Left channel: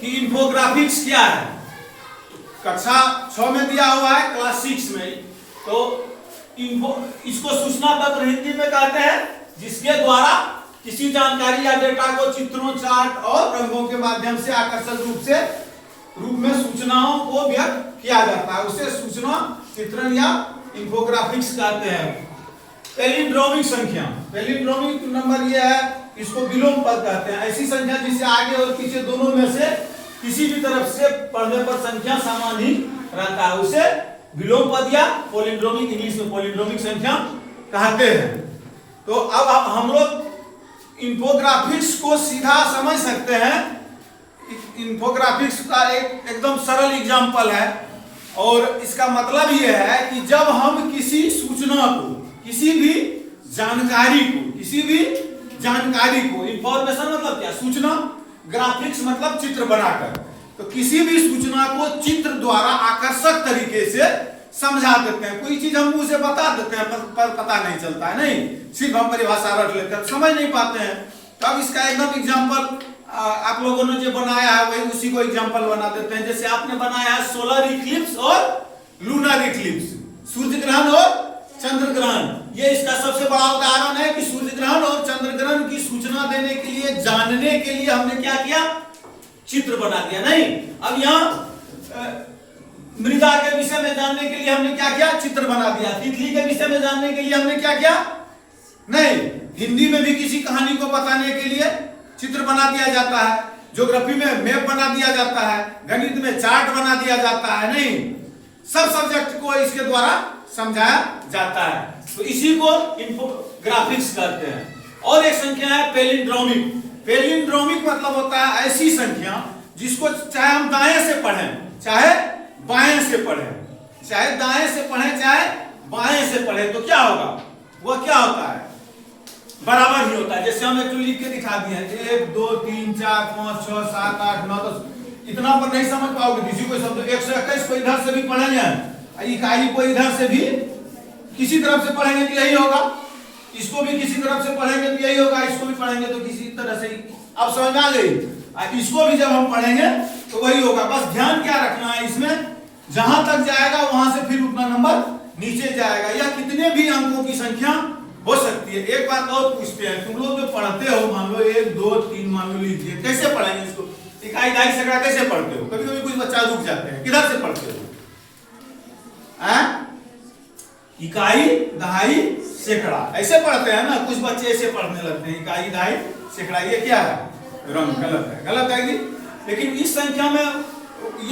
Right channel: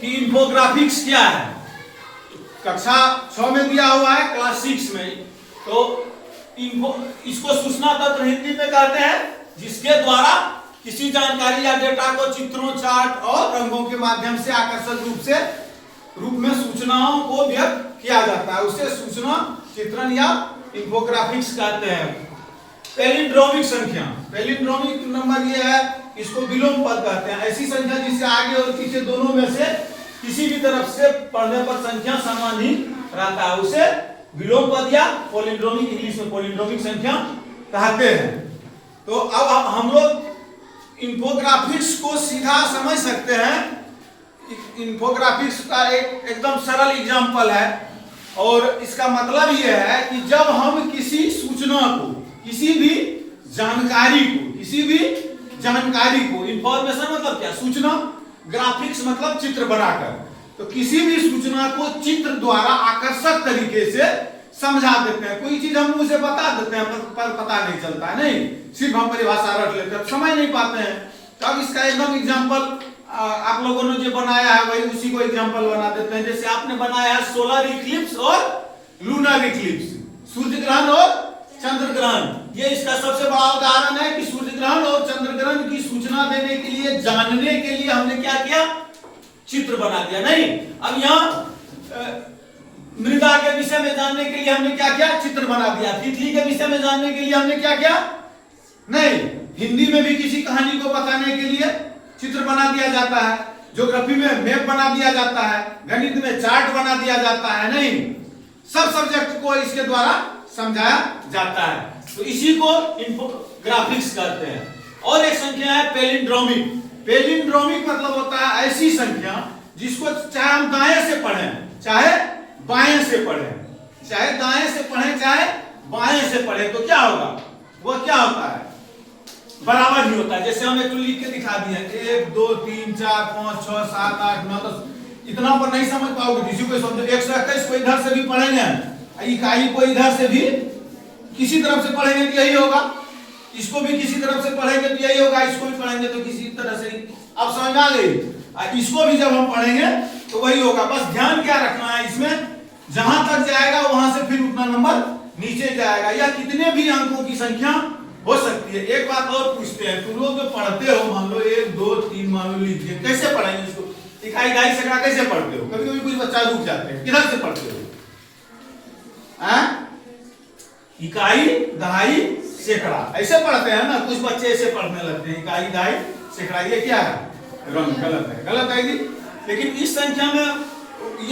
कि इंफोग्राफिक्स क्या है। कक्षा 6 में दिया हुआ है, क्लास 6 में। तो इसको सूचना तंत्र हिंदी में कहते हैं, जिसके द्वारा किसी जानकारी या डेटा को चित्रों, चार्ट और रंगों के माध्यम से आकर्षक रूप में सूचनाओं को व्यक्त किया जाता है, उसे सूचना चित्रण या इंफोग्राफिक्स कहते हैं। पैलिंड्रोमिक संख्या, पैलिंड्रोमिक नंबर ये है, इसको विलोम पद कहते हैं। ऐसी संख्या जिसे आगे और पीछे दोनों में से किसी भी तरफ से पढ़ने पर संख्या समान ही रहता है, उसे विलोम पद या पैलिंड्रोमिक, इंग्लिश में पैलिंड्रोमिक संख्या कहते हैं। तो अब हम लोग इंफोग्राफिक्स को सीधा समझ सकते हैं। इंफोग्राफिक्स का एकदम सरल एग्जांपल है, और इसका मतलब यह है कि जब हम किसी सूचना को, किसी भी जानकारी को, इंफॉर्मेशन मतलब क्या, सूचना, ग्राफिक्स मतलब चित्र बनाकर, तो किसी भी सूचना को चित्र द्वारा आकर्षक तरीके से समझा देते हैं। कोई चीज हम मुंह से बता देते हैं पर पता नहीं चलता है, नहीं, सिर्फ हम परिभाषा रख लेते हैं, समझ नहीं पाते हैं। तब इसका एकदम एग्जांपल आप लोगों ने जो बनाया है वही उसी को एग्जांपल बना देते हैं। जैसे आपने बनाया है सोलर इक्लिप्स और लूनर इक्लिप्स, सूर्य ग्रहण और चंद्र ग्रहण। ये इसका सबसे बड़ा उदाहरण है कि सूर्य ग्रहण और चंद्र ग्रहण की सूचना देने के लिए, जानने के लिए हमने क्या किया, चित्र बना दिया। नहीं, अब यहाँ मृदा के विषय में जानने के लिए हमने क्या किया, चित्र बना दिया। तितली के विषय में जानने के लिए हमने क्या किया, नहीं, हिंदी में भी किसी कहानी को बताने के लिए चित्र बना दिया जाता है, ज्योग्राफी में मैप बना दिया जाता है, गणित में चार्ट बना दिया जाता है। नहीं, सब सब्जेक्ट को इसके द्वारा समझाया जाता है, तो इसी को इंफोग्राफिक्स कहते हैं। और एक संख्या है पैलिंड्रोमिक। पैलिंड्रोमिक मतलब होता है ऐसी संख्या जिसको चाहे हम दाएं से पढ़ें, चाहे बाएं से पढ़ें, चाहे दाएं से पढ़ें, चाहे बाएं से पढ़ें, तो क्या होगा, वो क्या होता है, बराबर ही होता है। जैसे हम एक लिख के दिखा दिए 1 2 3 4 5 6 7 8 9 10, इतना पर नहीं समझ पाओगे। किसी को समझो 121 को इधर से भी पढ़ेंगे, इकाई को इधर से भी किसी तरफ से पढ़ेंगे तो यही होगा, इसको भी किसी तरफ से पढ़ेंगे तो यही होगा, इसको भी पढ़ेंगे तो किसी तरह से ही। अब समझ में आ गई। इसको भी जब हम पढ़ेंगे तो वही होगा। बस ध्यान क्या रखना है, इसमें जहां तक जाएगा वहां से फिर उतना नंबर नीचे जाएगा, या कितने भी अंकों की संख्या हो सकती है। एक बात और पूछते हैं, तुम लोग जो पढ़ते हो, मान लो 1 2 3 मान लो लीजिए, कैसे पढ़ेंगे इसको, इकाई दहाई सैकड़ा कैसे पढ़ते हो? कभी कभी कुछ बच्चा रुक जाते हैं, किधर से पढ़ते हो? इकाई दहाई सैकड़ा ऐसे पढ़ते हैं ना, कुछ बच्चे ऐसे पढ़ने लगते हैं, इकाई दहाई सैकड़ा। ये क्या है, रंग गलत है, गलत है कि? लेकिन इस संख्या में